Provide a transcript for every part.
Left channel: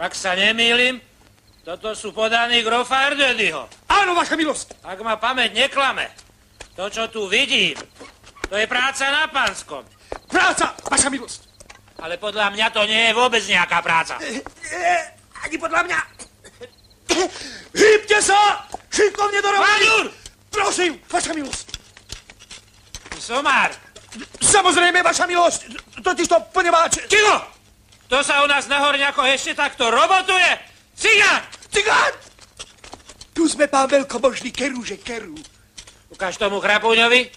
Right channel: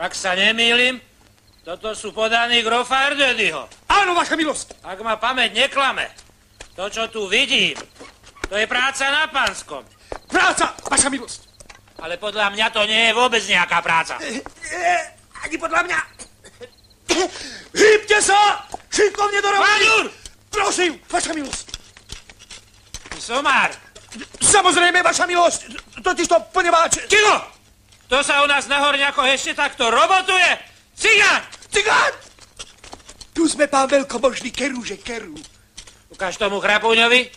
Ak sa nemýlim, toto sú podaní grofa Erdödyho. Áno, vaša milosť. Ak ma pamäť neklame, to, čo tu vidím, to je práca na Panskom. Práca, vaša milosť. Ale podľa mňa to nie je vôbec nejaká práca. Ani podľa mňa. Hýbte sa! Šikovne do roboty! Vadur! Prosím, vaša milosť. Somár! Samozrejme, vaša milosť. Totiž to poneváč... Kilo! To sa u nás na Horňakoch ešte takto robotuje? Cigán! Cigán! Tu sme, pán veľkomožný, kerúže, kerú. Ukáž tomu chrapúňovi,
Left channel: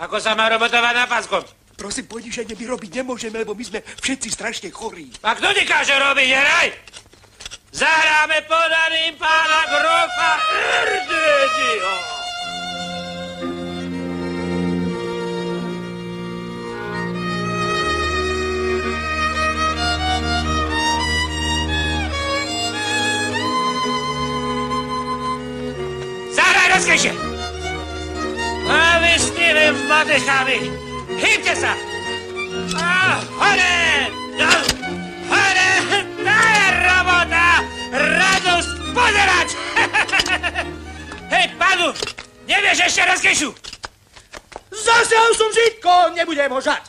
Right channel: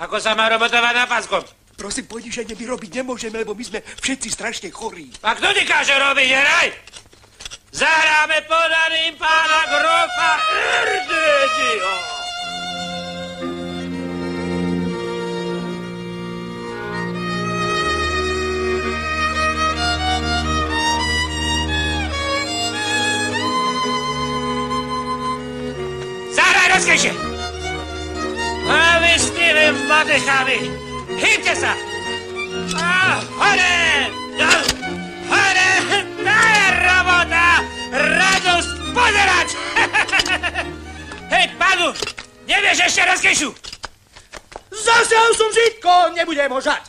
ako sa má robotovať na Panskom. Prosím, poniženie my robiť nemôžeme, lebo my sme všetci strašne chorí. A kto nekáže robiť, hraj? Zahráme podaným pána grofa Erdödyho. Zahraj rozkejšie! A vy s tými madechami, hýbte sa! Hore! Hore! To je robota! Radosť pozerať! Hej, pánu, nevieš ešte rozkejšu? Zasiahol som žitko, nebudem ho žať.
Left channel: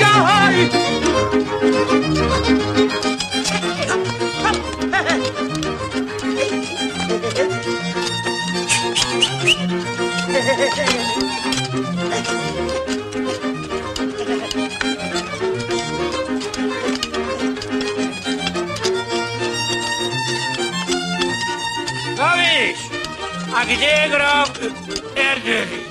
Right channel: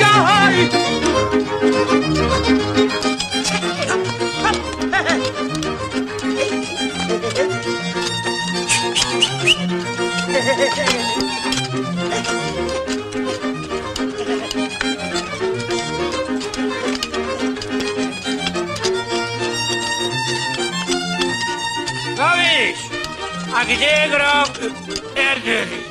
Ťahaj! No víš, a kde je grof Erdödy?